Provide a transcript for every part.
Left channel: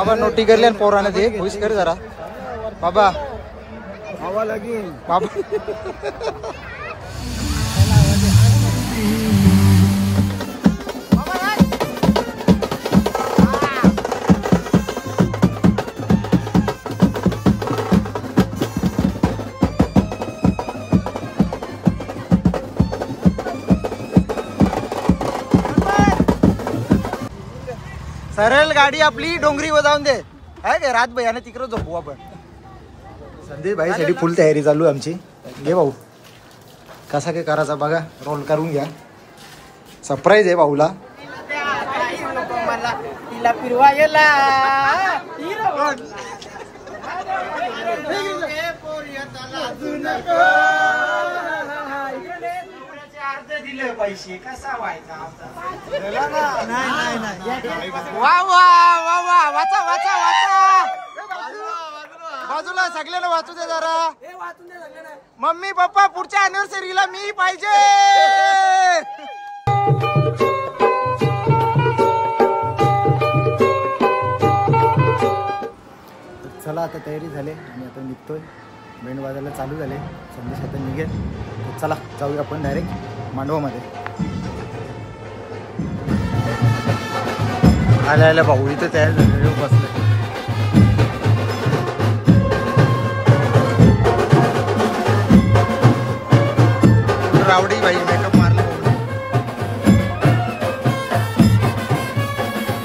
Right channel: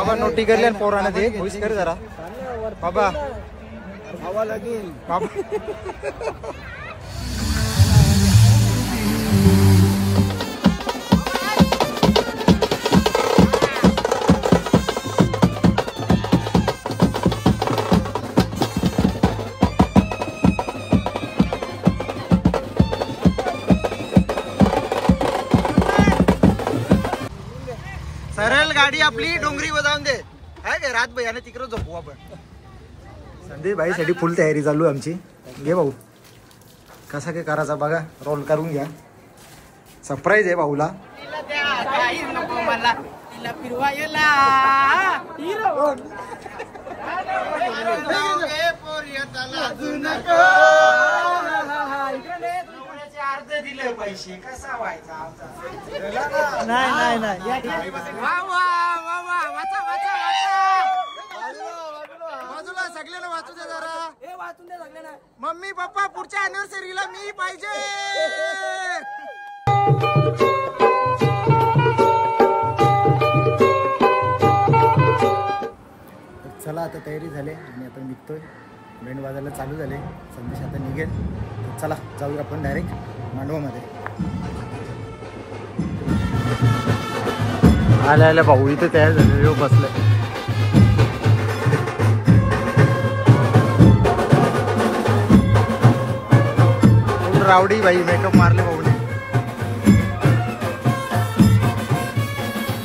बाबा नोटी करले आणि पोराने ते खुश कर जरा बाबा बाबा सरळ गाडी आपली डोंगरीवर जाऊन दे आहे का रात भैयाने तिकडे झोपू आपण. संदीप भाई साठी फुल तयारी चालू आहे आमची. घे भाऊ कसा काय करायचा बघा रोल करून घ्या. सरप्राईज आहे भाऊला. तिला फिरवायला दिले पैसे कसा व्हायचा वा वा वा वा वाचा वाचा वाचा बाजूला सगळ्यांना वाचू दे जरा. मम्मी पप्पा पुढच्या अॅनिव्हर्सरीला मी पाहिजे. चला आता तयारी झाली आणि आता निघतोय. बँड वाजायला चालू झाले. संदेश आता निघेल. चला जाऊया आपण डायरेक्ट मांडवामध्ये. आल्या भाऊ इथे तयार झाले बसले. रावडी बाई मेकअप मारले भाऊने.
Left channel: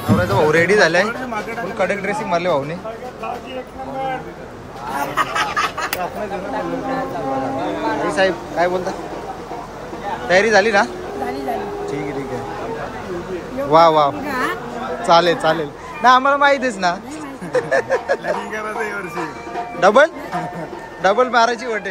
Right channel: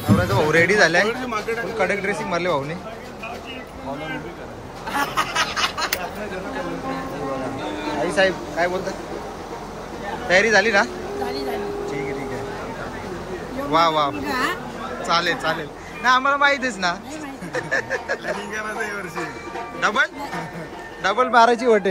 नवऱ्याचा भाऊ रेडी झालाय. फुल कडक ड्रेसिंग मारले भाऊने. आई साहेब काय बोलता. तयारी झाली ना. ठीक आहे ठीक आहे. वा वा चालेल चालेल ना आम्हाला माहितीच ना. डबल डबल मारायची वाटे.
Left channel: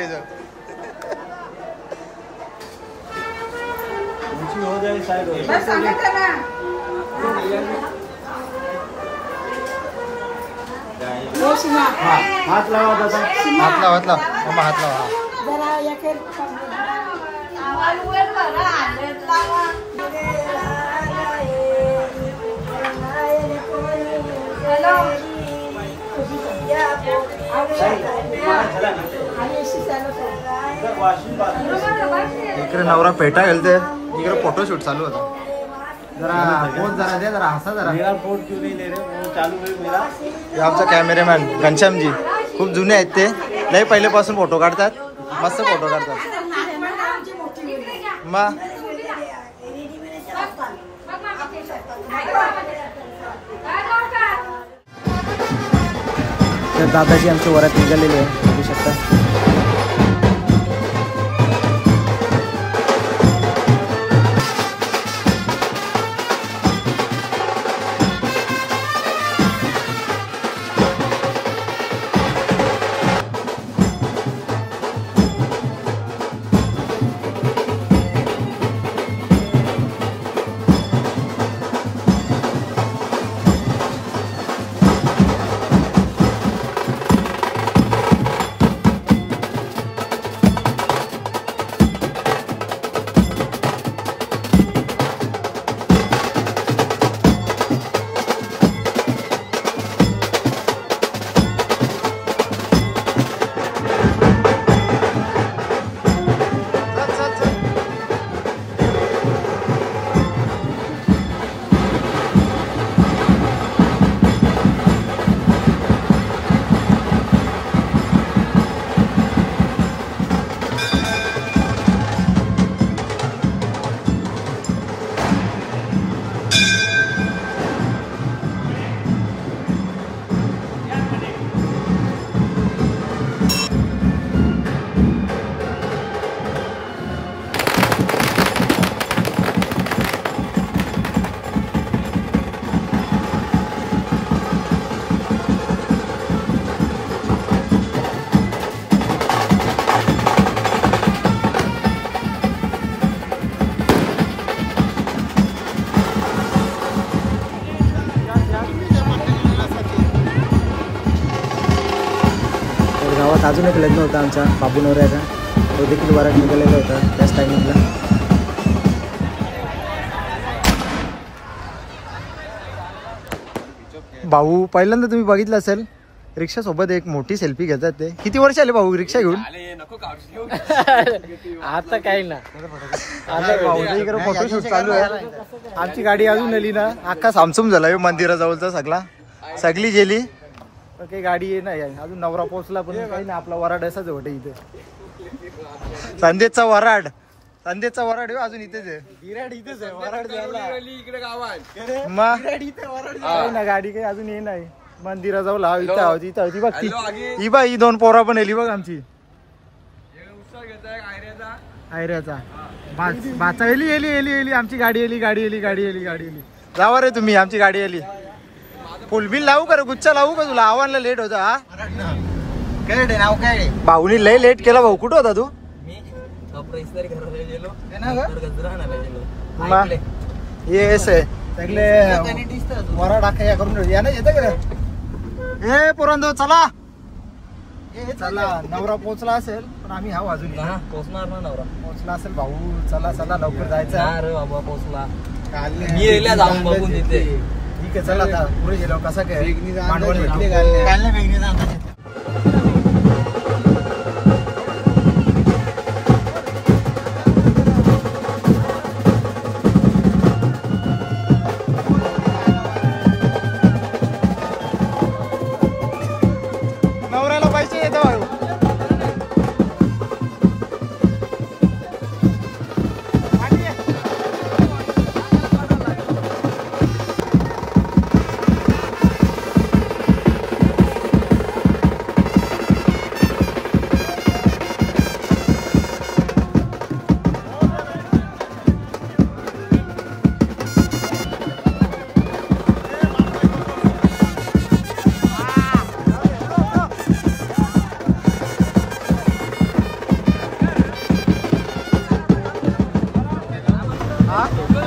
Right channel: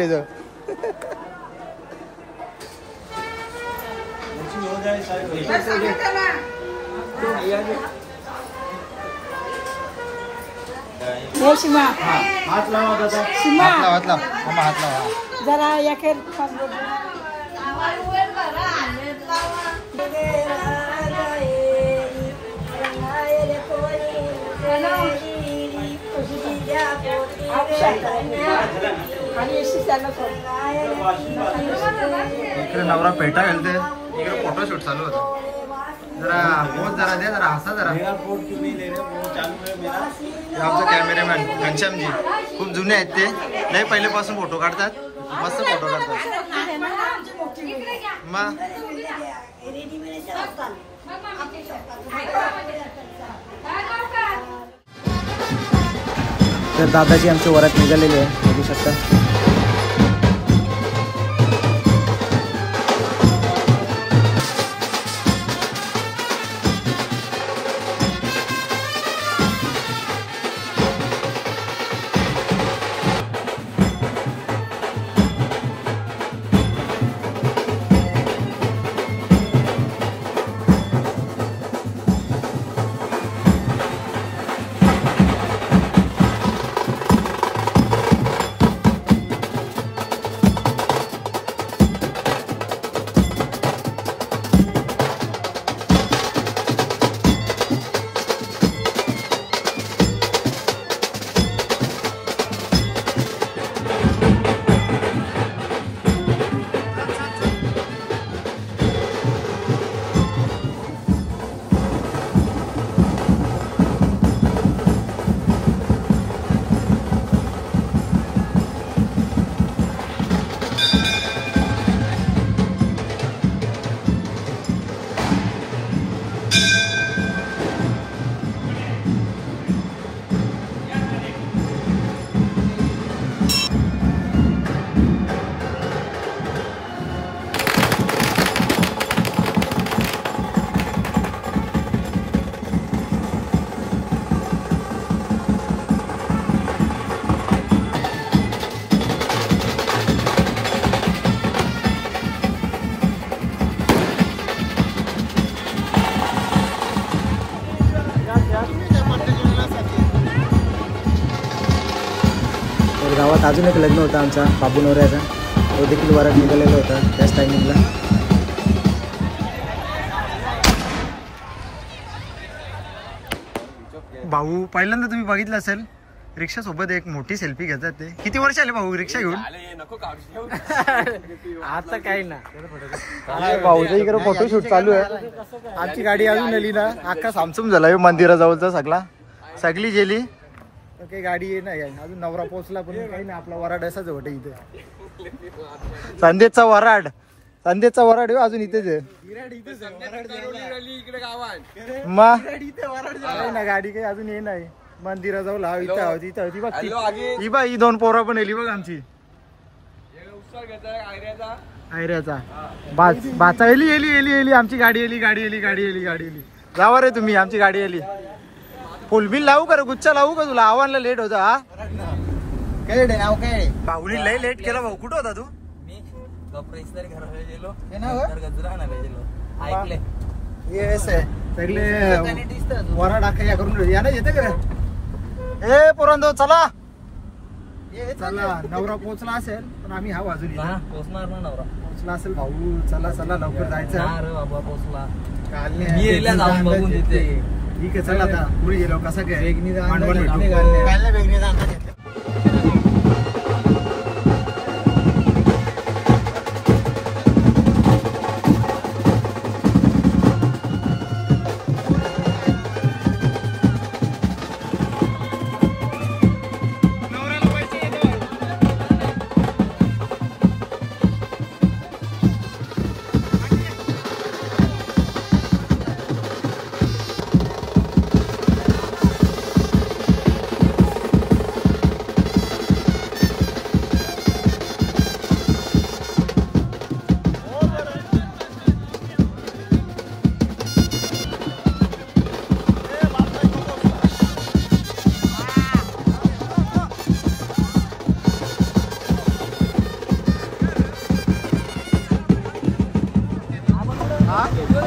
हात लावा हात लावा हात लावा मामा हात लावा. इकडे नवरा पेटा गेलते. इकडे फोटोशूट चालू होता. जरा पोच जरा दे जरा हसा जरा. आमचा कॅमेरामॅन घनश्यामजी खूप जुने आहेत. ते लय पहिल्यापासून फोटो काढतात. मस्त फोटो काढतात. मग तर दादाजी आमच्या वरात निघालेले आहे बघू शकता. गावात अजून एक लग्न होता आमच्या बाबू नवऱ्याचा. तो देखील वरात निघालेला होता त्याच टायमिंगला. भाऊ पहिल्यांदा तुम्ही बघितलं असेल रिक्षा सोबत एक मोठी सेल्फी घेतात ते. किती वर्ष आले भाऊ रिक्षा घेऊन? आता काही ना भाऊचा इकडे फोटोशूट चालू आहे. आमची गाडी अजून आली ना अख्खा सामसूम झाला मंदिराजवळचा सगळी गेली. काही गाडी नाही अजून. नवरा पोहोचला पण काही नाही. आपला वराड असाच होते इथे. संदेशचा वराड अजून इथेच आहे. मग काही ना गाडी काही अजून ये नाही. मंदिराजवळ इथं होती बघ. ही बा ही 2 पोरा पण येली बघ आमची आयऱ्याचा बाचा येली आमची गाडी येली. जावा रे तुम्ही. आमची गाडी येली. फुलबिल लावू का रे? गुच्छा लावू का तुला? आव्हानला लेट होता. हा नाव काय? भाऊनी लय लेट केला. भाऊ कुठं होता तू? येस सगळे वरा टाका या करून या ना येतं का रे? हे पुरंदो चला नवरा पोहोचला असेल पण आम्ही हा अजून पोहोचणार ना नवरा. पोहोचला असेल भाऊ. चला लवकर जायचं. पोहोचला. ठीक आहे चला आता पुढे गेलो. कसा काय मांडवण भेटू. नवऱ्याला पैसे येतो.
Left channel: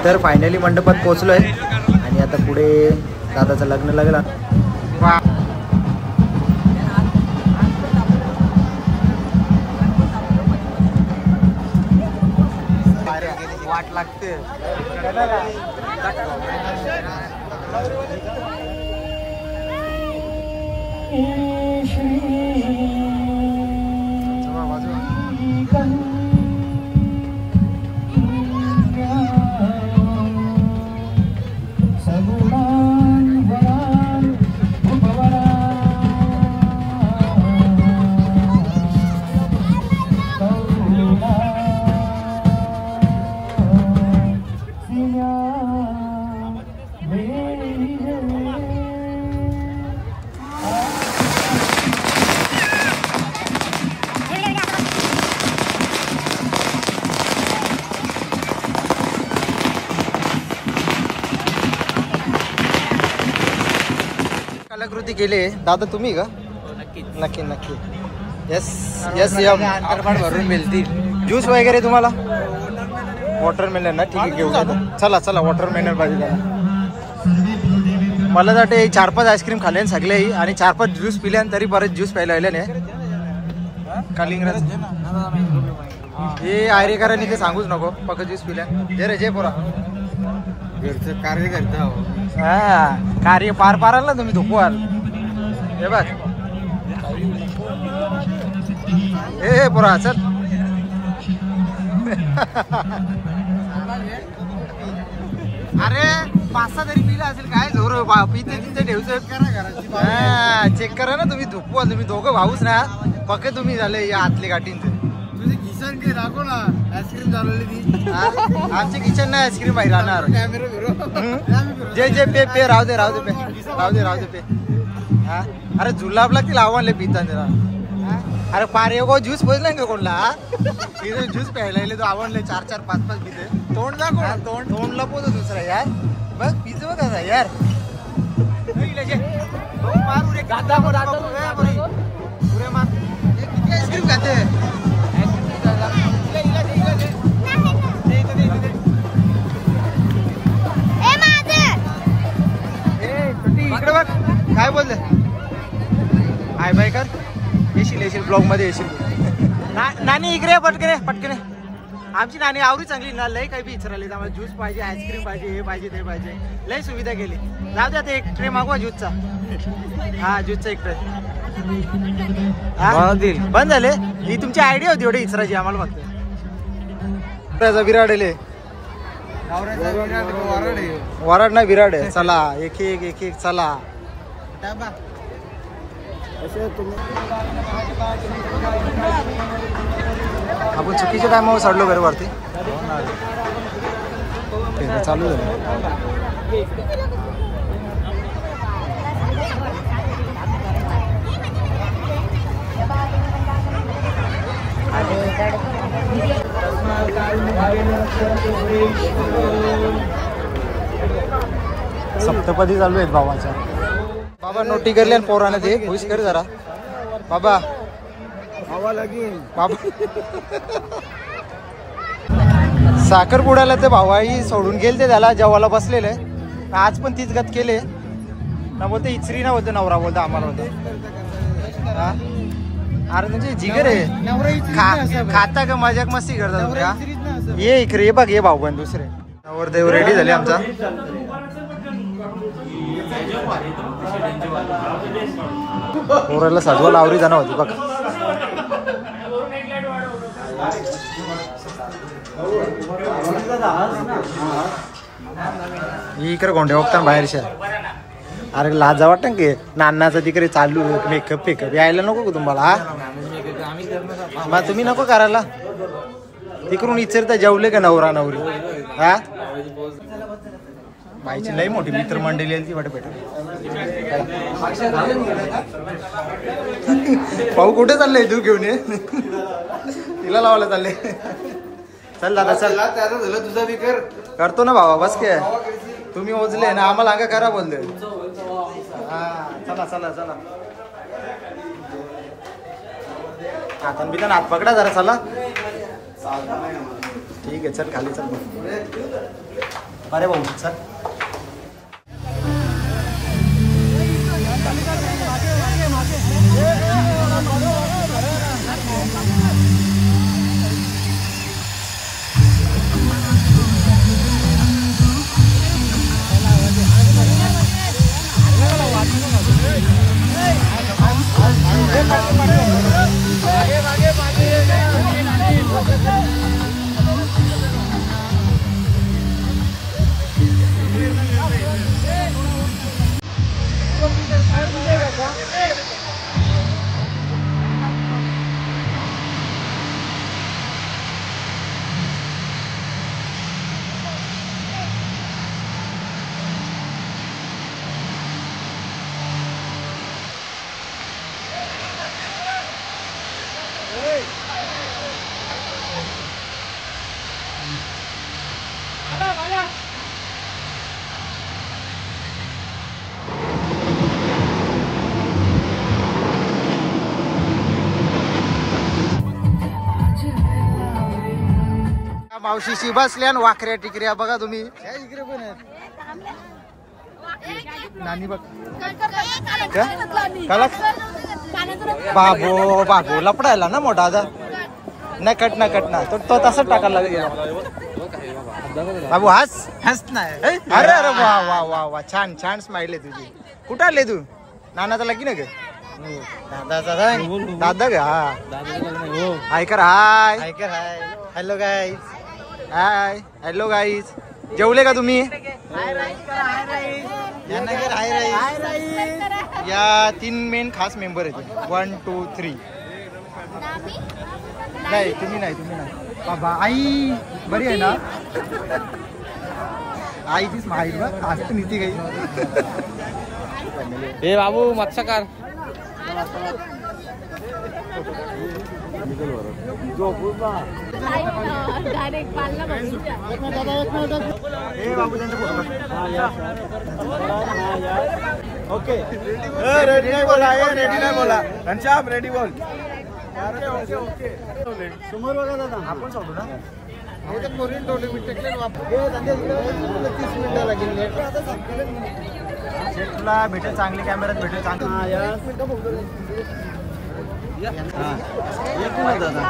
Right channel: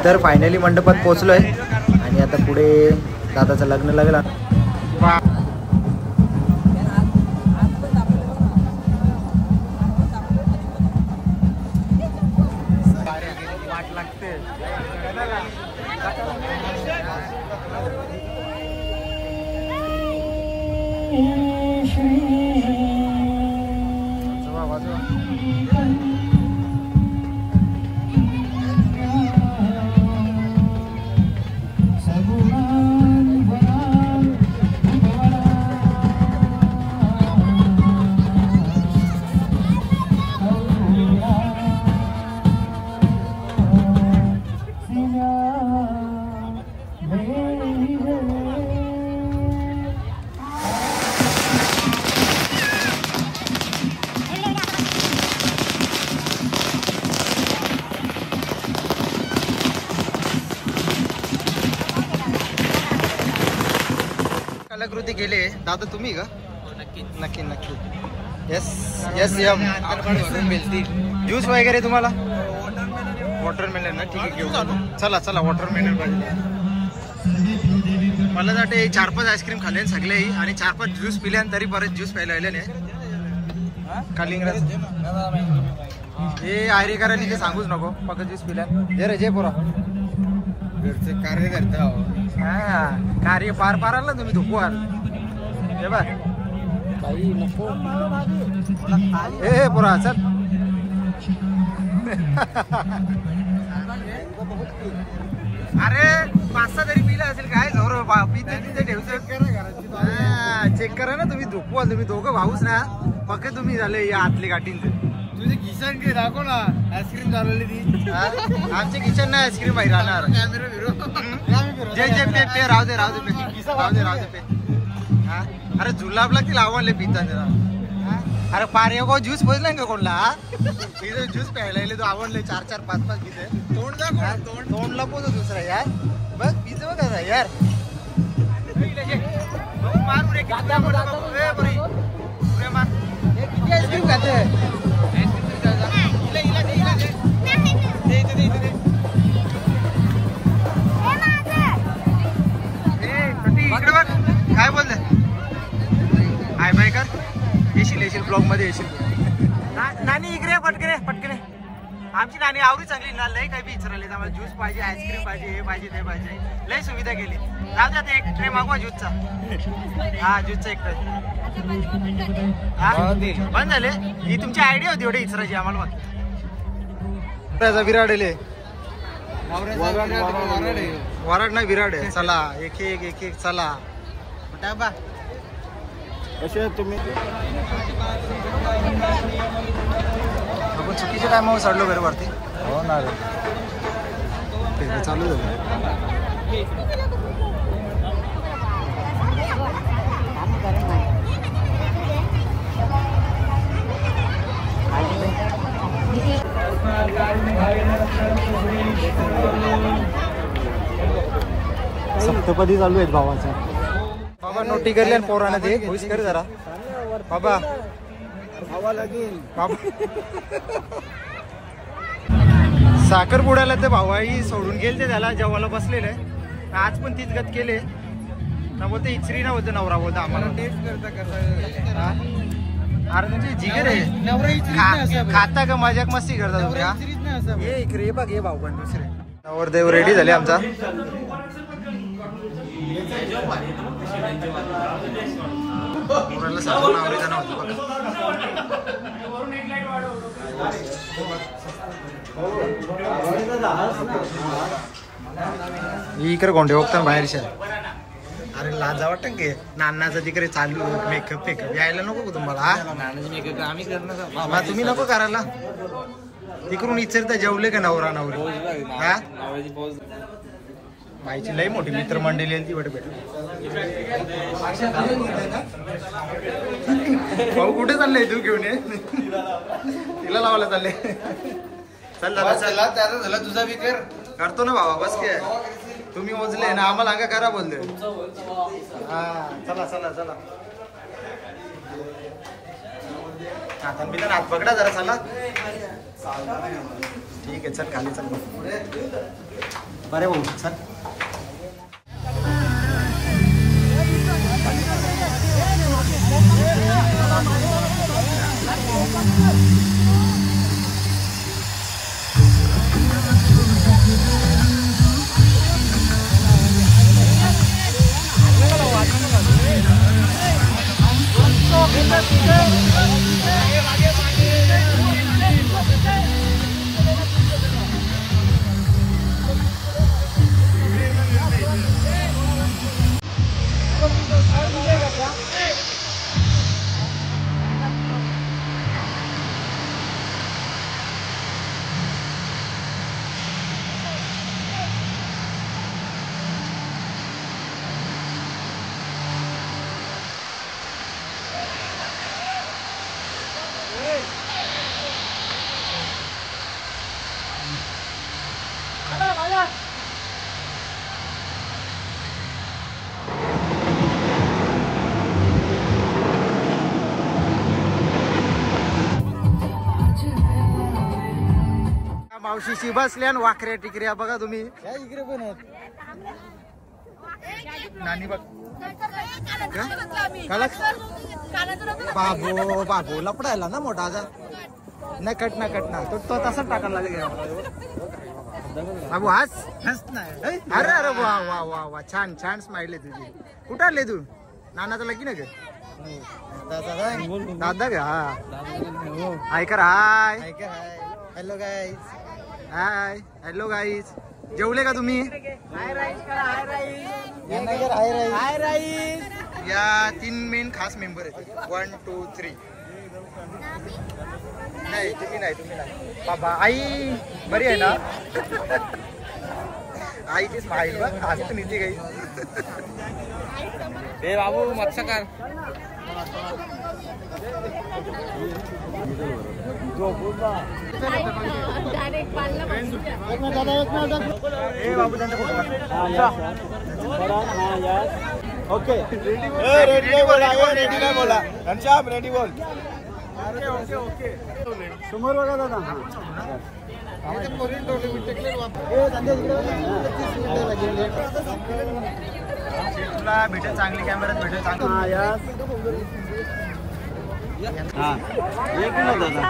तर फायनली मंडपात पोहोचलोय आणि आता पुढे दादाचं लग्न लागलं. वाट लागते. कलाकृती केली दादा तुम्ही का? नक्की यस यम ज्यूस वगैरे तुम्हाला वॉटरमेलन ना? ठीक आहे घेऊन चला वॉटरमेलन पाहिजे. मला वाटते 4-5 आईस्क्रीम खाल्ले सगळे आणि 4-5 ज्यूस पिले तरी परत ज्यूस प्यायला आले नाही. कालिंगराज हे आयरेकरांनी ते सांगूच नको. पक्क ज्यूस पिल्या जे रे जे पोरा कार्य करता. हा कार्य पार पाराल ना तुम्ही धुकवाल. हे बघ हे पोरा चल. अरे 5-6 तरी पिला असेल काय जोर पिते तिथे ठेवचं. चेक करा ना तुम्ही धुकवाल. तुम्ही दोघं भाऊच ना पक्क तुम्ही झाले या आतले गाठींचे. तुझी किचन काही राखो ना आईस्क्रीम झालेली ती. आमचे किचन ना आईस्क्रीम बाहेर राहणार. जे पे राहू दे पे. हा अरे जुलाब लागतील आव्हानले पिता जरा. अरे पारे को ज्यूस पोचला का कोणला? तिथे ज्यूस प्यायला तो आवडले 4-4, 5-5 पिते. तोंडला पोचो दुसरा यार. बघ पिझ बघा यार. आईस्क्रीम खाते इकडे बघ काय बोलले. हाय बाय कर. येशील ब्लॉग मध्ये येशील तू. नानी इकडे पटकने आमची नानी आवडी चांगली ना, लय काही बी विचारले आम्हाला ज्यूस पाहिजे, आईस्क्रीम पाहिजे, हे पाहिजे ते पाहिजे, लय सुविधा केली. जाऊ द्या ते एक ट्रे मागवा ज्यूसचा. हा ज्यूसचा एक ट्रे. बंद झाले. ही तुमची आयडिया होती एवढी इचराची आम्हाला फक्त. विराट वराड नाही विराट आहे. चला एक एक चला. आपण चुकीच्या टायमावर चढलो बरं वरती. चालू झालं. सप्तपदी चालू आहेत भावाच्या. बाबा नोटी करले आणि पोराने ते खुश कर जरा बाबा. बाबा साखरपुड्याला ते भावाई सोडून गेले ते त्याला जेवायला बसलेले. आज पण तीच गत केले ना. बोलते इचरी ना बोलते नवरा बोलता आम्हाला होता. हा अरे म्हणजे जिगर आहे. खाता का मजाक मस्ती करता तुम्ही. हा ये इकडे ये बघ. ये भाऊ पण दुसरे नवरदेव रेडी झाले आमचा. पोराला सजवायला आवडी जाणं होती बघा. इकडे गोंडे बघता बाहेरच्या. अरे लाजा वाटतं की नानाचं तिकडे चालू मेकअप फेकअप यायला नको का तुम्हाला. हा तुम्ही नको करायला. तिकडून इचरता जेवले का नवरा नवरी. हा बाईची लई मोठी मित्रमंडळी ती वाटत भेट. भाऊ कुठे चाललंय तू घेऊन ये. तिला लावायला चालले. चल दादा चल. झालं तुझा बी कर. करतो ना भावा बस काय. तुम्ही ओझले ना आम्हाला अंगा करा बोलले. हा चला चला चला. हातान बितान हात पकडा जरा. चला ठीक आहे चल खाली चल. अरे भाऊ चल. मावशीशी बसल्या आणि वाकऱ्या टिकऱ्या बघा तुम्ही. नानी बघ बाबो बाबो लपडायला ना मोठा आता. नाही कट ना कट ना तो तसंच टाकायला गेला. बाबू हस हस नाही. अरे अरे वा वा वा वा छान छान स्माइल आहे तुझी. कुठं आले तू. नानाचा लगी ना ग. दादा का. हाय कर. Hi hello guys. Hi hello guys. जेवले का तुम्ही. या 3 मेन खास मेंबर आहेत. 1 2 3. नाही तुम्ही नाही बाबा. आई बरी आहे ना. आईची स्माईल बघ खास तर नीती काही. हे बाबू मत्स्यकार. हे बाबू त्यांचा फोटो काढ. ओके रेडी बोल. रेडी बोल. ओके ओके समोर बघा दादा. आपण सोडू ना. तुला भेटेल चांगली कॅमेऱ्यात भेटेल चांगली. हा एक मिनिट दादा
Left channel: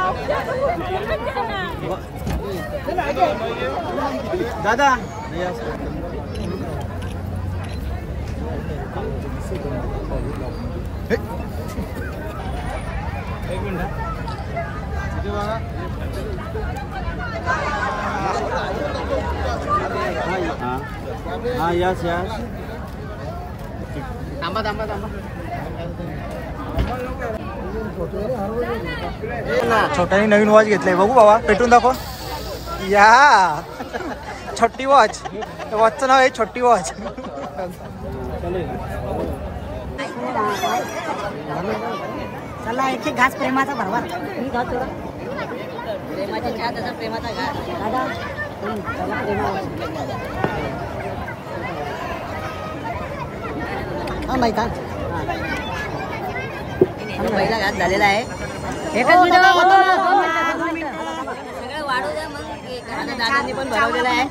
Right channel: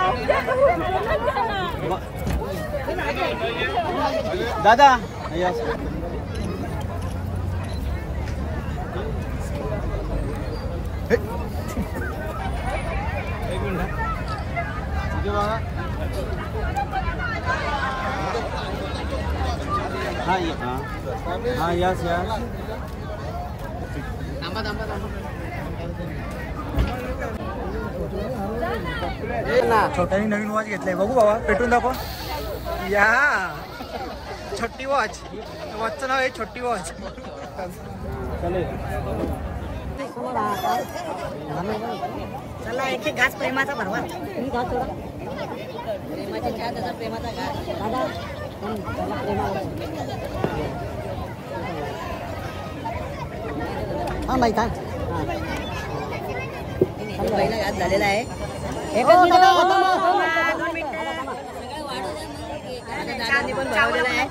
दादा एक मिनिट हा यस यस थांबा थांबा थांबा छोट्याने नवीन वॉच घेतलंय बघू बाबा पेटून दाखव या छोटी वॉच वॉचचं नाव आहे छोटी वॉच चला एक घास प्रेमाचा बरोबर प्रेमाची चहा तसा प्रेमाचा घास दादा हा माहिती पहिला घास झालेला आहे सगळं वाढू द्या मग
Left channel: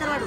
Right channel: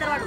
वाढू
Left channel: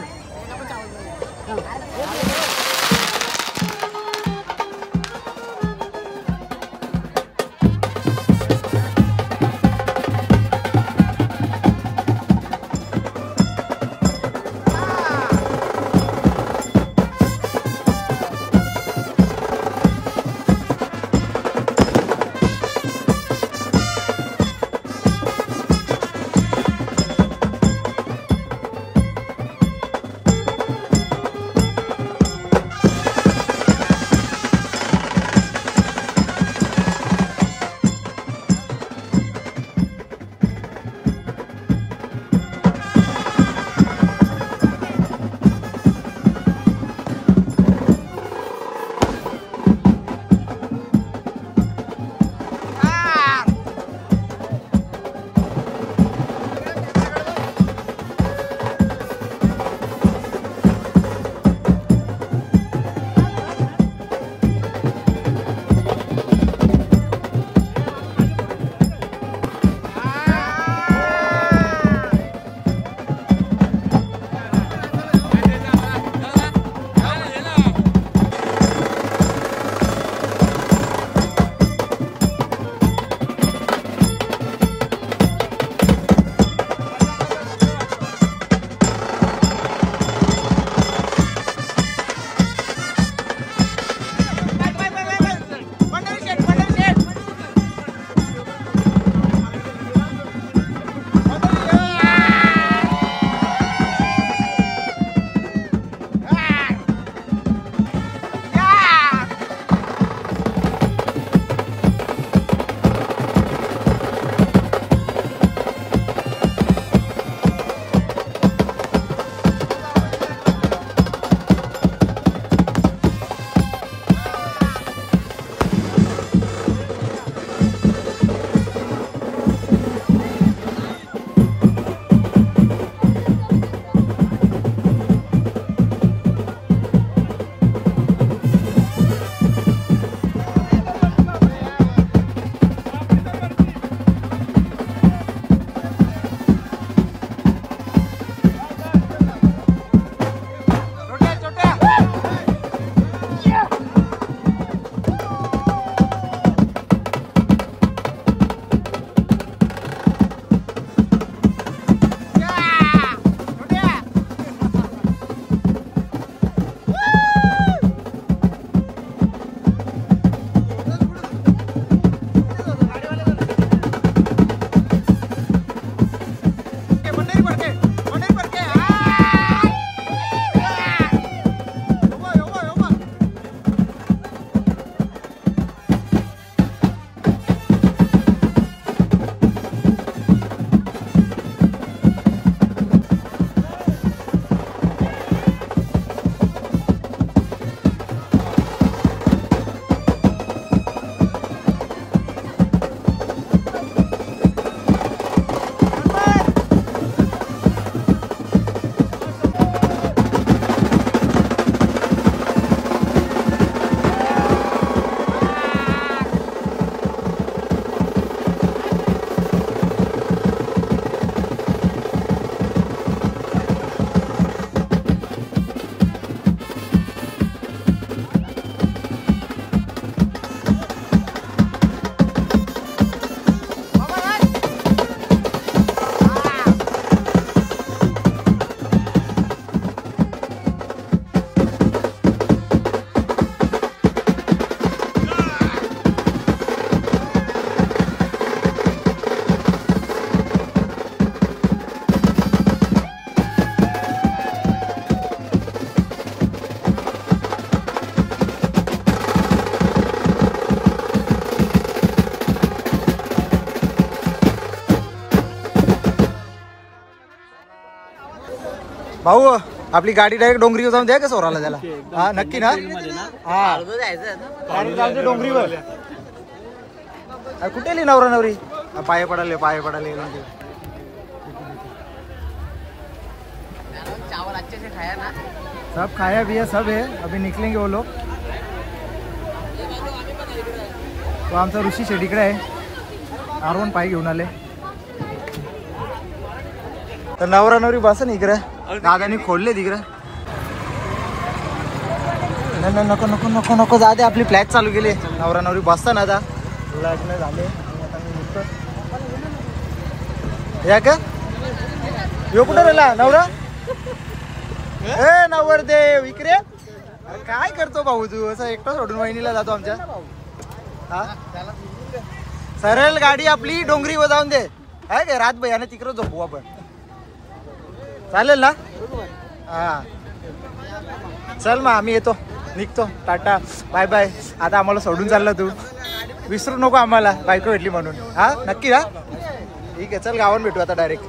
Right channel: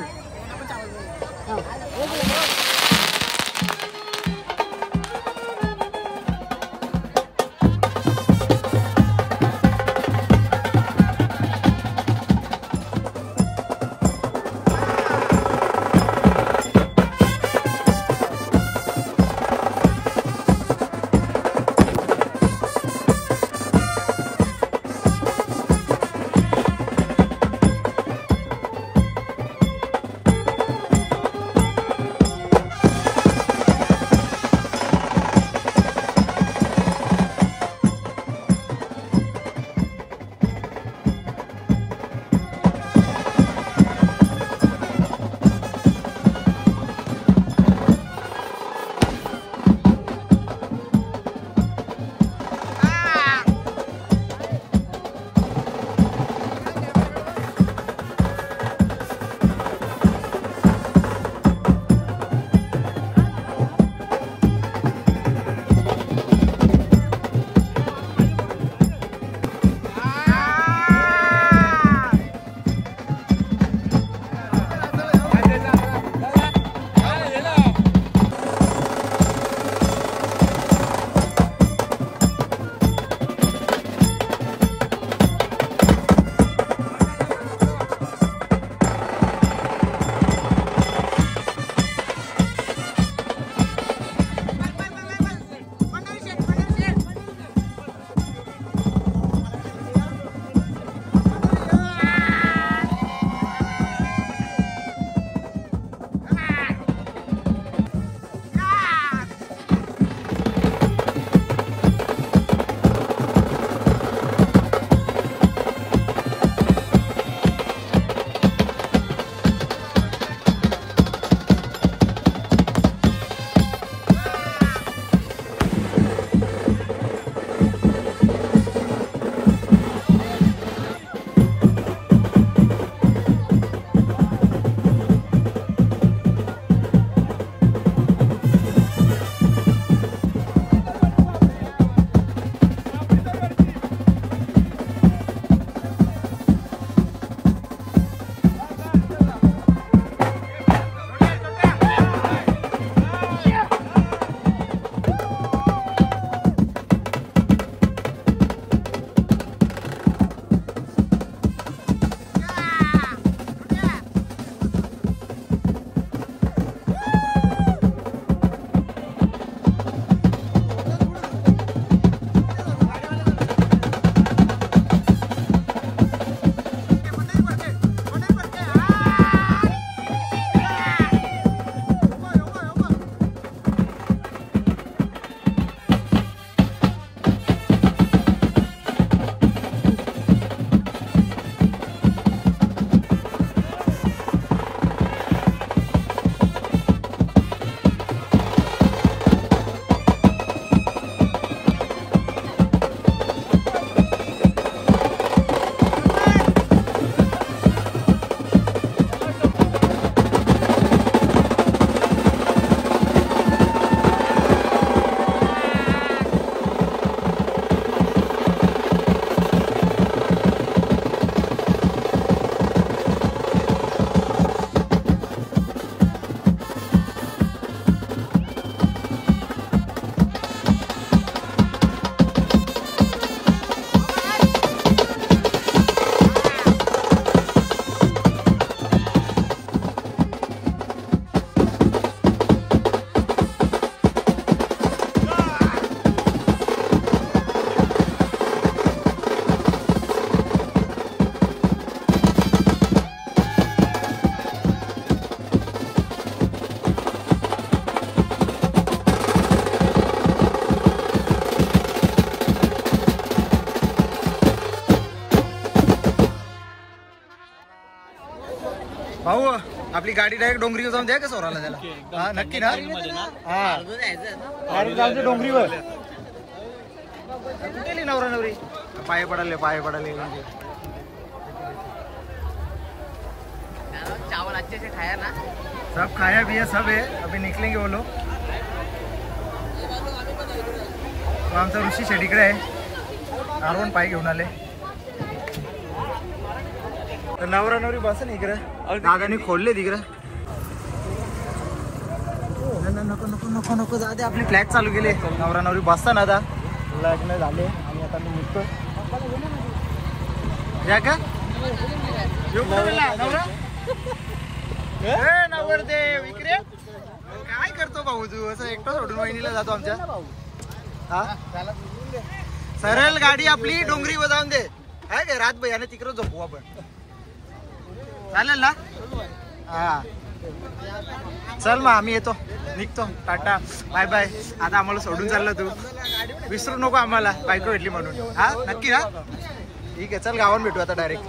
भाऊ आपली गाडी डायरेक्ट डोंगरीवर जाऊन द्या का सोराला त्याला? हा नक्की ना? हा डायरेक्ट जाऊन दे डोंगरीवर. कुठे लिहि नवरा नवरी? पाय पडाले सब खाया भी है, सब है. अभी निकलेंगे वो लोग. तो आमचा ऋषी शेडीकडे आहे. आरवण पाय घेऊन आले. तर नवरा नवरी बस ना इकडे. दादानी खोलले तिकडे. नको नको नको नको जा दे. आपली फ्लॅट चालू केली. नवरा नवरी बसता ना आता. लग्न झाले आणि आता मी निघतो. या का यो कुठं राहिला नवरा? ए नवरदेव इकडे. काय करतो भाऊ तू? असं एकटं सोडून वहिनीला जातो आमच्या. हा सरळ गाडी आपली डोंगरीवर जाऊन दे. आहे का रात भैयाने तिकडे झोपू आपण. चालेल ना? हा चल मग आम्ही येतो. निघतो. Tata bye bye. आता आम्हाला सोडून चालला तू. विसरू नको आम्हाला बायको भेटली म्हणून. हा नक्की. हा ठीक आहे चल गावात भेटू आता डायरेक्ट.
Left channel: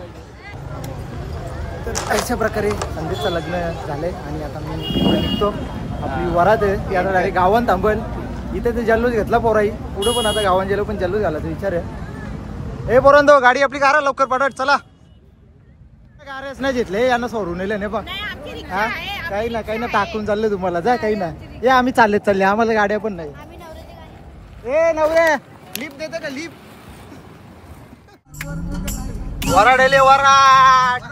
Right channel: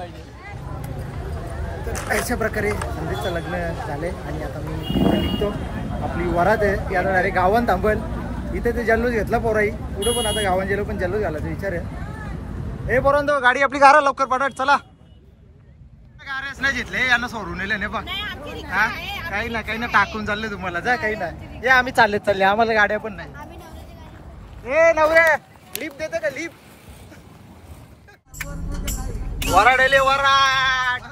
तर अशा प्रकारे संदेशचं लग्न झालंय आणि आता मी पुढे निघतो. आपली वरात आहे ती आता डायरेक्ट गावात थांबल. इथे ते जल्लोष घेतला पोराई. पुढं पण आता गावात गेलो पण जल्लोष झाला ते विचार आहे. ए पोरांनो गाडी आपली गारा लवकर पडत चला. गाऱ्याच नाही घेतले यांना सोडून नेले नाही बघ. हा काही ना टाकून चालले तुम्हाला. जा काही ना ये आम्ही चालले आम्हाला गाड्या पण नाही. ए नवरे लिफ्ट देते का लिफ्ट? वराडेले वराड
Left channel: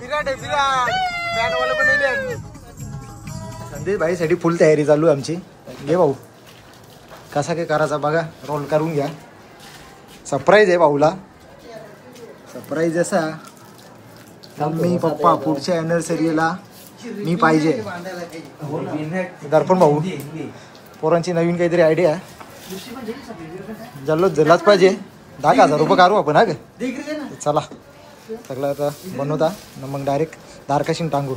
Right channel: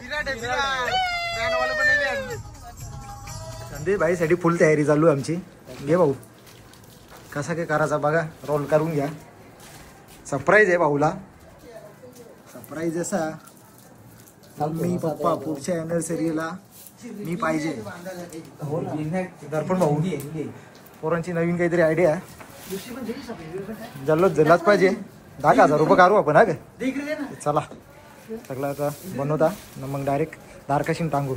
विराट आहे विराट. बँडवाले पण नेले. संदेश भाई साठी फुल तयारी चालू आहे आमची. घे भाऊ कसा काय करायचा बघा. रोल करून घ्या. सरप्राईज आहे भाऊला. सरप्राईज असा मम्मी पप्पा पुढच्या अॅनिव्हर्सरीला मी पाहिजे. दर्पण भाऊ पोरांची नवीन काहीतरी आयडिया. जल्लोष झालाच पाहिजे. 10,000 रुपये काढू आपण. हा का चला सगळं आता बनवता न मग डायरेक्ट दारकाशीन टांगू.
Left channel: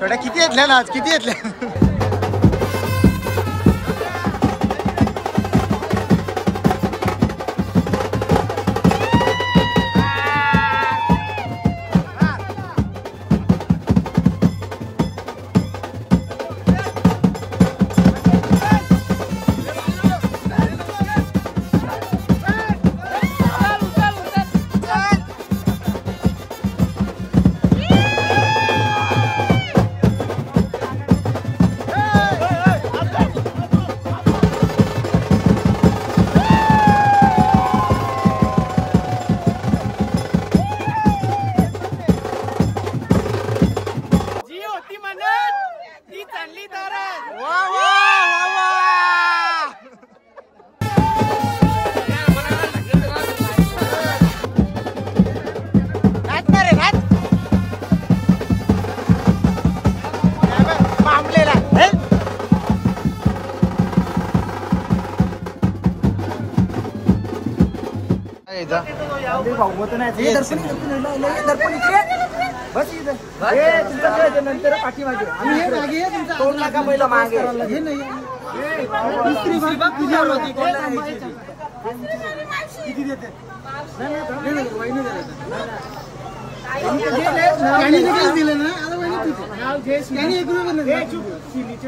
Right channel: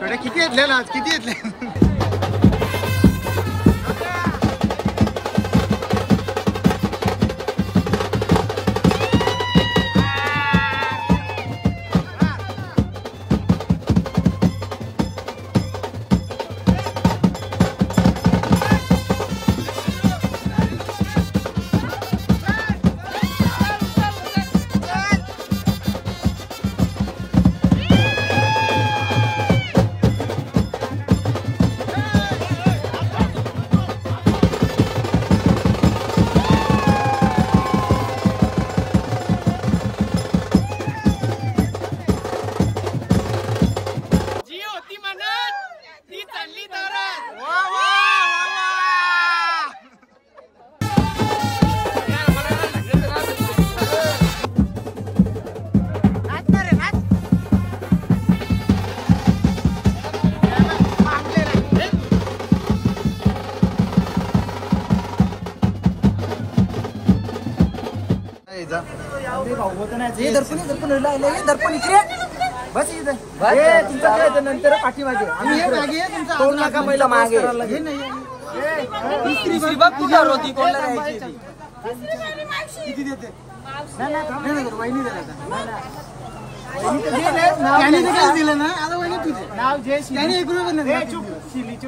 छोट्या किती येतल्या ना आज, किती येतल्या?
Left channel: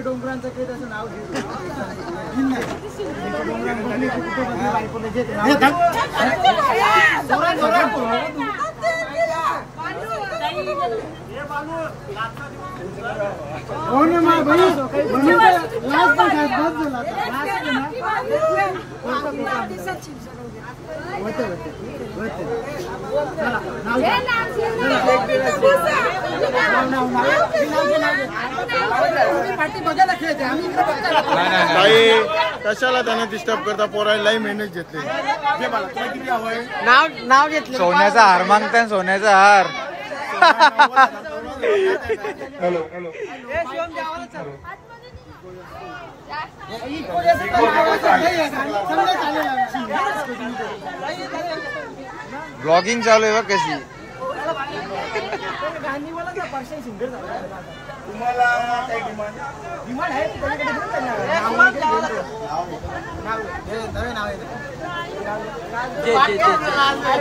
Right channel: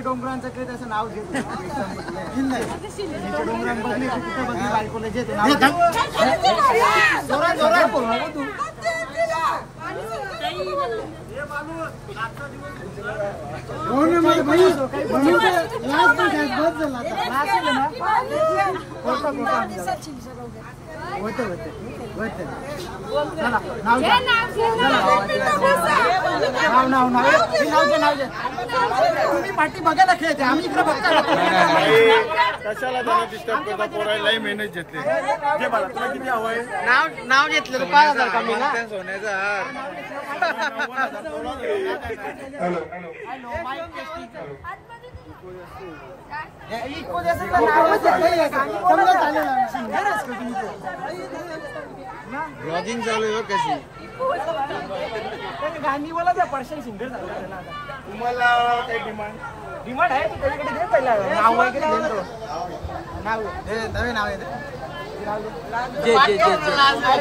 डोंगरांचं काही त्याचं नाव घेत हो ना भाई म्हणून लास्ट बस झाला कशाला त्याने डिस्टर्ब करता पोराला लई मेहनत घेतली. जे मला तुला किती हवंय नाव घेतलं सोन्याचा हार मागता सोन्याचा हार. हॅलो ब्लॉगिंग चालू आहे बघ कशी. तुम्हाला काही डिमांड आहे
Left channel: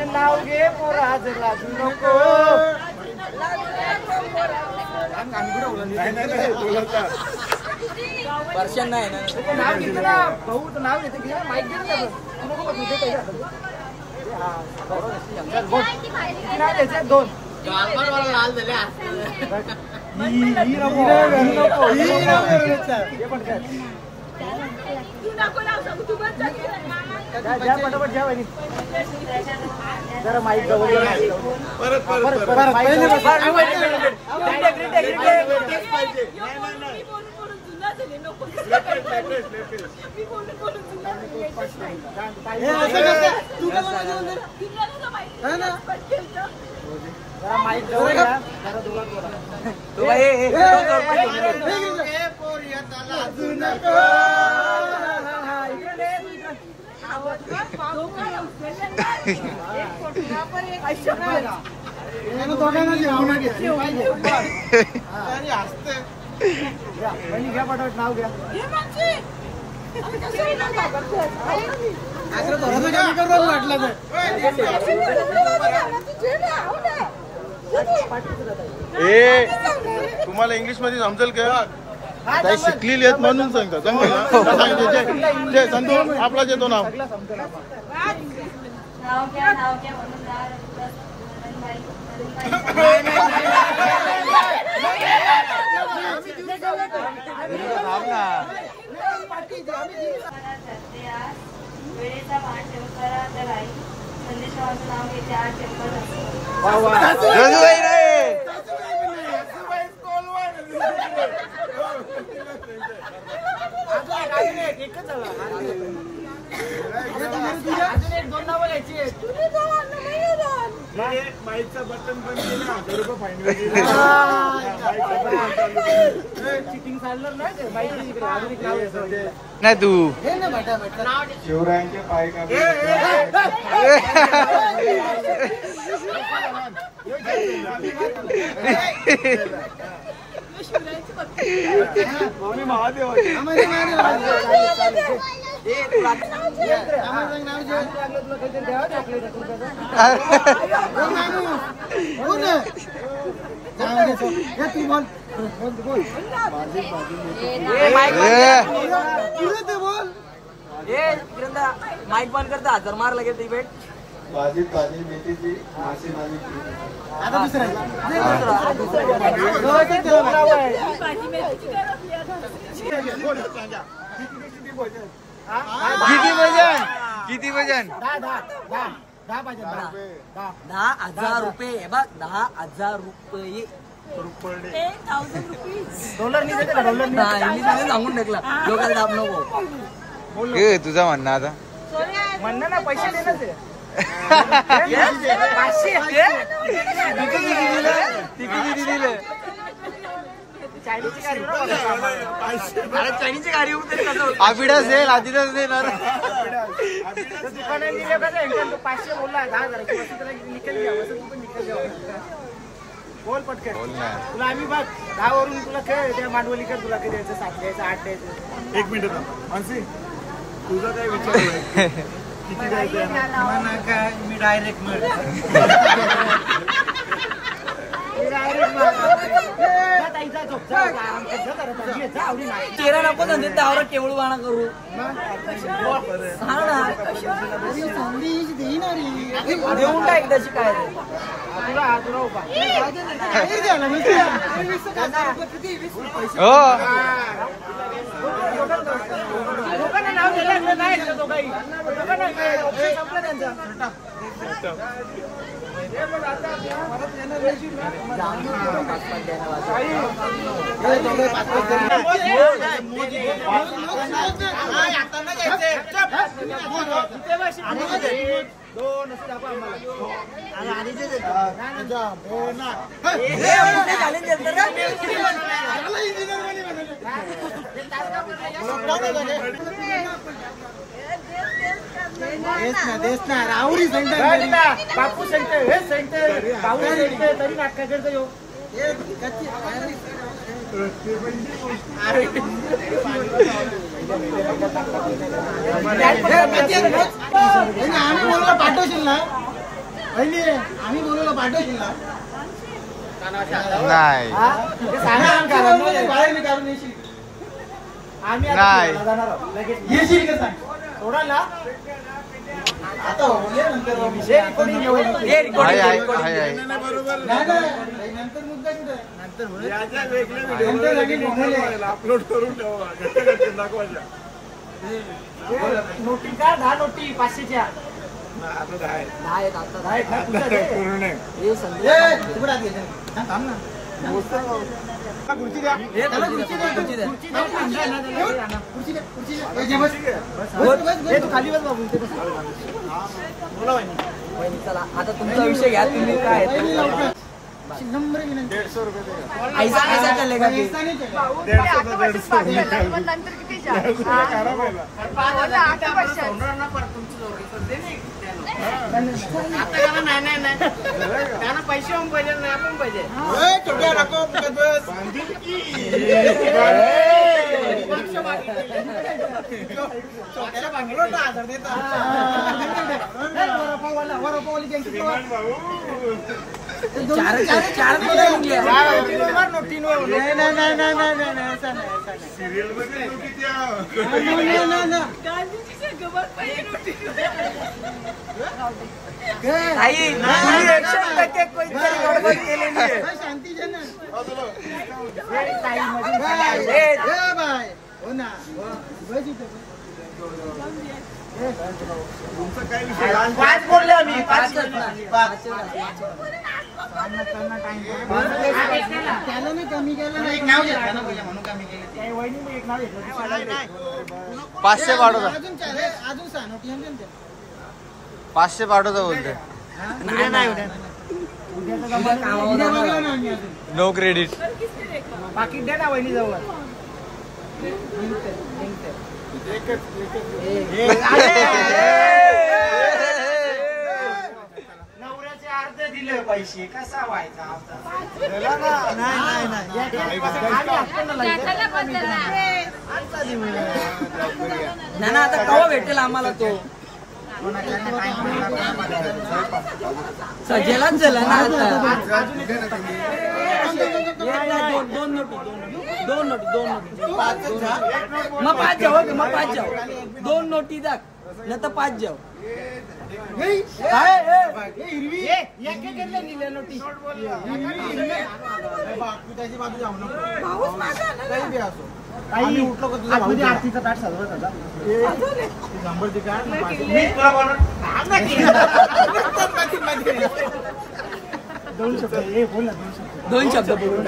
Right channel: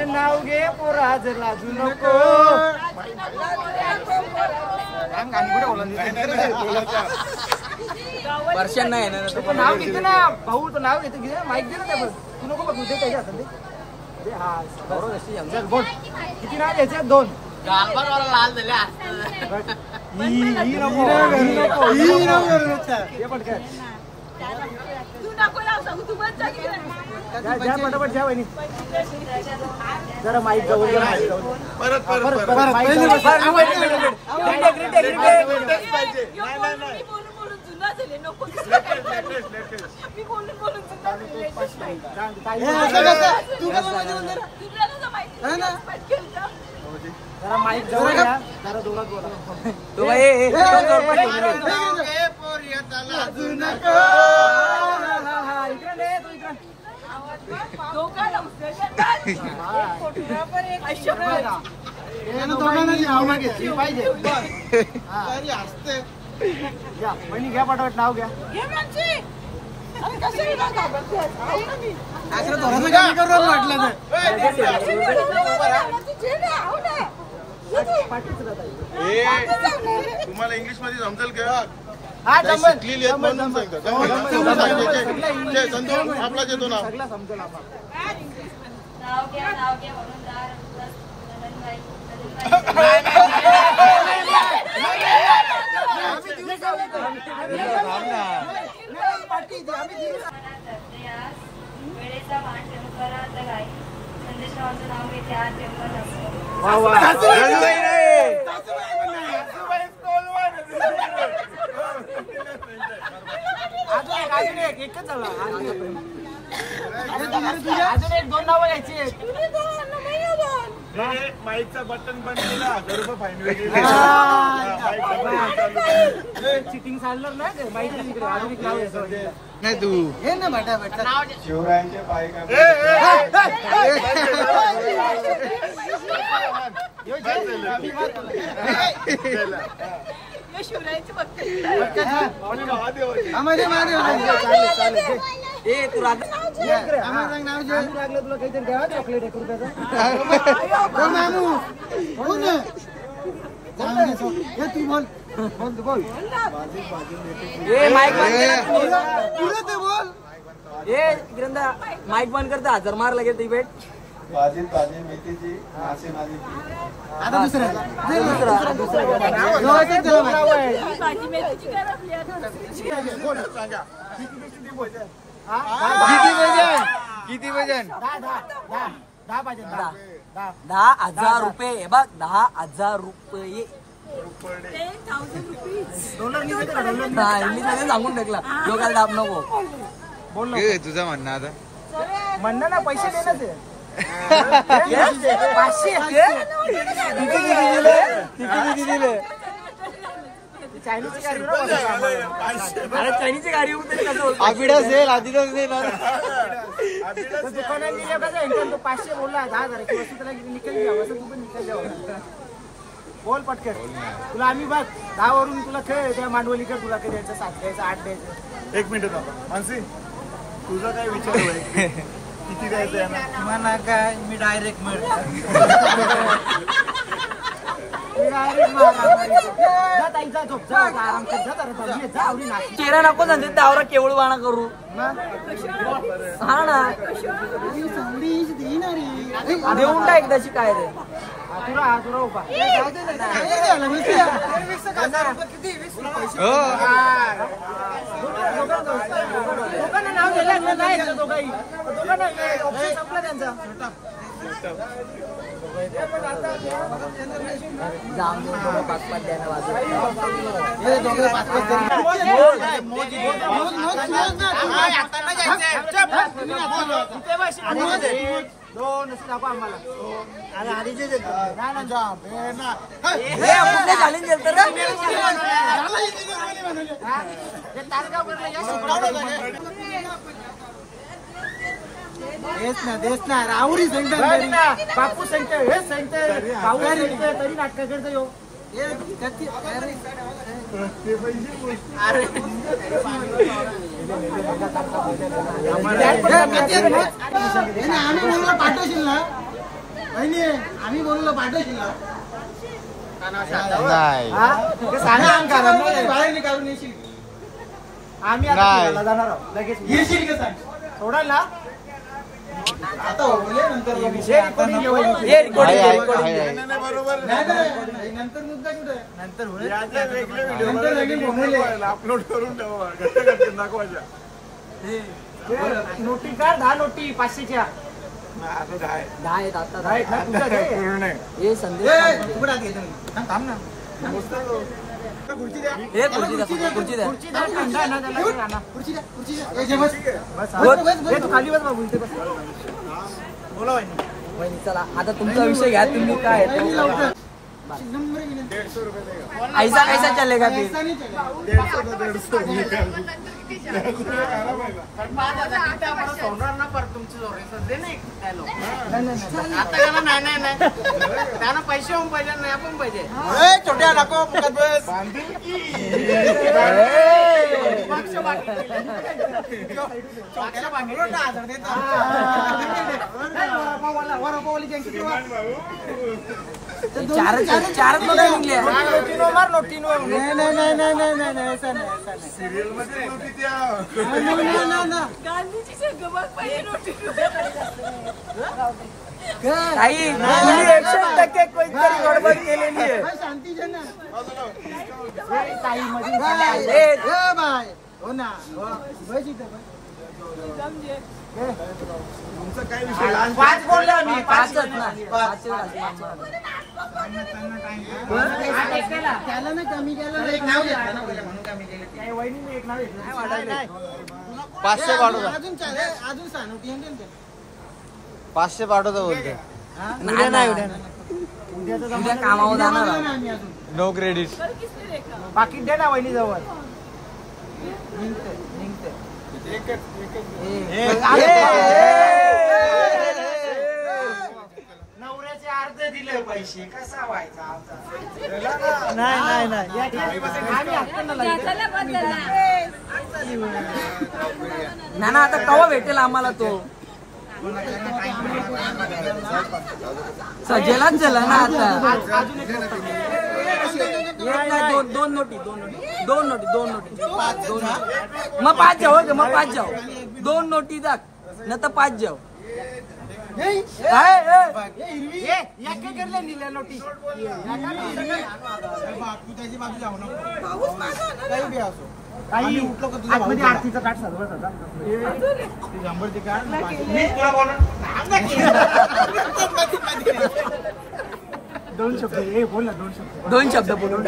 नाव घे पोराज लाजू नको. वर्षन नाही नाव घेते ना भाऊ नाव घेते माईक घे नाव घ्यायचे दोन घ्या पाठवत नाव घ्या. तुम्हाला इंग्लिश मध्ये समजेल का? शिकलेली आहेत म्हणून सांगतो. आपला घेतो नाव वेळेचा मान ठेव करा तर आई संदेशाचं नाव घेते आज पेपर असतं. माईकचा बटन बंद केला 1000 रुपये फायनल चिटिंग चाललं नाही तू शिवरायांचे पाय का माईक बंद करता हजार मार लगेच डिबेट भाजी मेथीची मासे माझी आता दुसरं किती वजन 10,000 रुपये बघ 10,000 रुपये डॉलर नाही देते का डॉलर नाही सांगून टाकला जो काल दाब नको तुझं म्हणणं आता म्हणणं ना पैसे देते चायनीची गाडी आबिडा सेल आधीच देणार दुकानात दिले पाहिजे 500 बोलला 10,000 बोल पटकन तुला आम्ही बघ गावावरून तुला खेळ त्या मांडवलीकडे तुला काही द्यायचं 7 द्यायचं 8 द्यायचं 1 मिनिट मानसी तुझा काय विचार आहे किती द्यायचं मला काय मी डायरेक्ट तेरा नको सांगते त्यावर केवळ वाणा करू देऊन टाक त्याची काय राहुरी सेंटर बापू सेंटर हे सेंटर तरी नाटक करतो यो आम्ही बोलूला पाठवशील ना बहिणी आम्ही बोलूला पाठवशील ना नाही बाहेर काढून येशील नाही येशील का सांग सोडा ना आता नंतर मुद्दा कुठे नंतर अपलोड करून दाखवायच्या नोटी का 10 नोटी 500च्या आता 10 आहेत आता 10 आहेत पूर्ण हे संदेश थांब ना खुर्ची द्या खुर्ची द्या खुर्ची द्या खुर्ची द्या खाली बस बाबू बोला चला आता तुमचा विषय घ्या तुम्ही काय नंबर 150 रुपये ऐसा कैसा चलेगा ऐसा नहीं चलेगा पैसे पाहिजे नाही आपण पाहिजे छोट्या नको छोट्याला बांधलो 10,000 देता चार सिरियल मध्ये शांती हो ना तुमचा काय विषय 5 बोलले आम्ही 5 त्याला ना कमी केलं ना एक नाव त्या वहिनी मी एक नाव घेतलं 500 पाठवता अजून सानोटी 500 पाठवता बोलते उद्या नाही उद्याचा जमा नो क्रेडिट पाकिट दे ना वहिनी जवळ नवऱ्याचे अर्ध दिले दिले पैसे कसा व्हायचा आमचा? ना आता कवा भेटेल आम्हाला तो सजेलाच झाला ना आता. दोन नोटी मग 5 जाऊ मग 5 जाऊ 2 नोटी जा न तर 5 जाऊ. काही उठलो का तुझा भाऊ आरतीचा ताट सजवत होता शंभर का मी तुला बोलणार 2 शब्द बोल ना 2 शब्द बोलून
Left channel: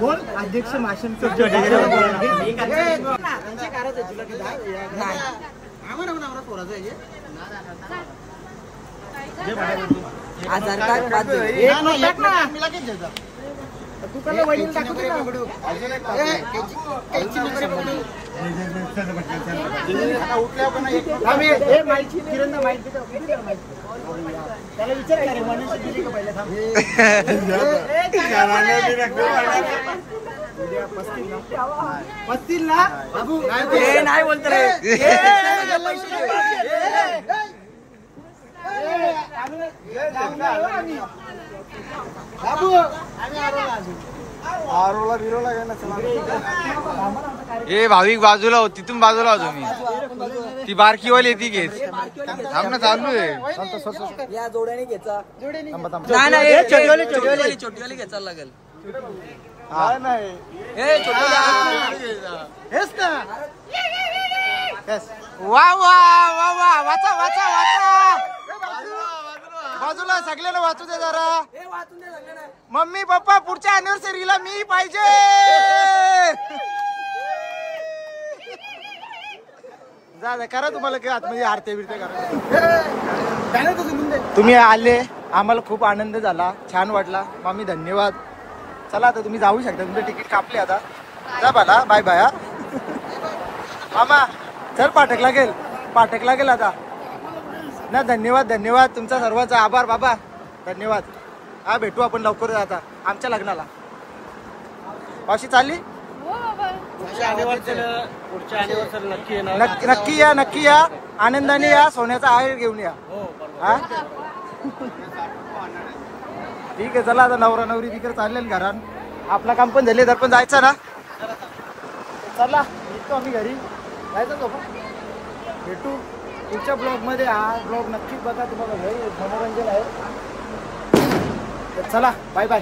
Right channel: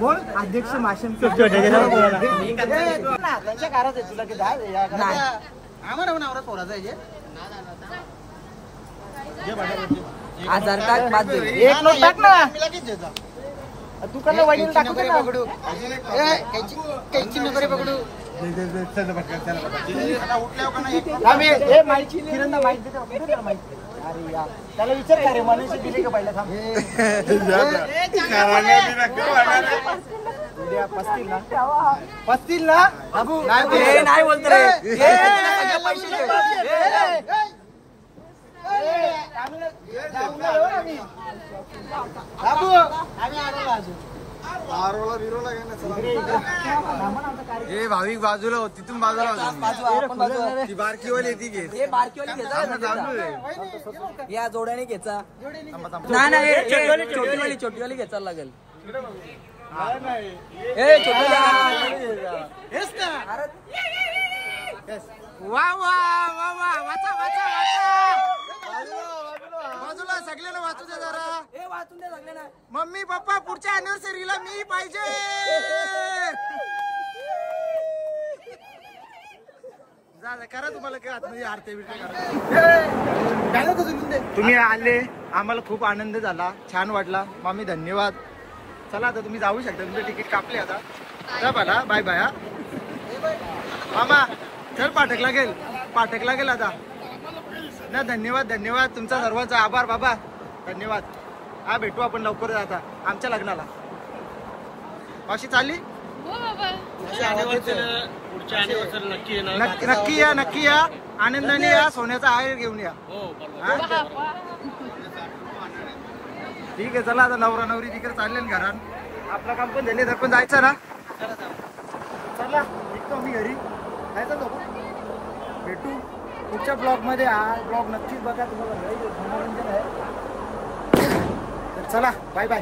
बोल. अध्यक्ष माशन तू काय वाईन टाकू दे पकडू आता उठल्यावर का नाही एक माहिती किरणला माहिती त्याला विचार का रे मनीषा दिली का पहिला थांब 35 ला बाबू नाही बोलते रे. बाबू आम्ही आरोला अजून आरोला बिरोला काय ए भाविक बाजूला हो, तिथून बाजूला हो तुम्ही. ती बारकीवाली ती घेत थांब ना, चालू आहे. या जोड्याने घ्यायचा. थांबा, थांबा. नाही छोटीवाली घ्यायचा लागेल. वा वा वा वा वाचा वाचा वाचा बाजूला सगळ्यांना वाचू दे जरा. मम्मी पप्पा पुढच्या अॅनिव्हर्सरीला मी पाहिजे. जा करा तुम्हाला काय आतमध्ये आरती बिरते करा. तुम्ही आले आम्हाला खूप आनंद झाला, छान वाटला मामी, धन्यवाद. चला आता तुम्ही जाऊ शकता, तुमचं तिकीट कापले आता. जा बाला, बाय बाय. मामा चल पाठक लागेल आता ना. धन्यवाद धन्यवाद तुमचा सर्वांचा आभार बाबा, धन्यवाद. हा भेटू आपण लवकर आता आमच्या लग्नाला. मावशी चालली? नक्की या आनंदाने या, सोन्याचा हार घेऊन या. हा ठीक आहे, चला आता नवरा नवरी तिकडे चालले घरात. आपला काम पण झाले, तर पण जायचं ना. चला निघतो आम्ही घरी, जायचं झोपा. भेटू पुढच्या ब्लॉग मध्ये. हा ब्लॉग नक्कीच बघा, तुम्हाला लय मनोरंजन आहे. तर चला बाय बाय.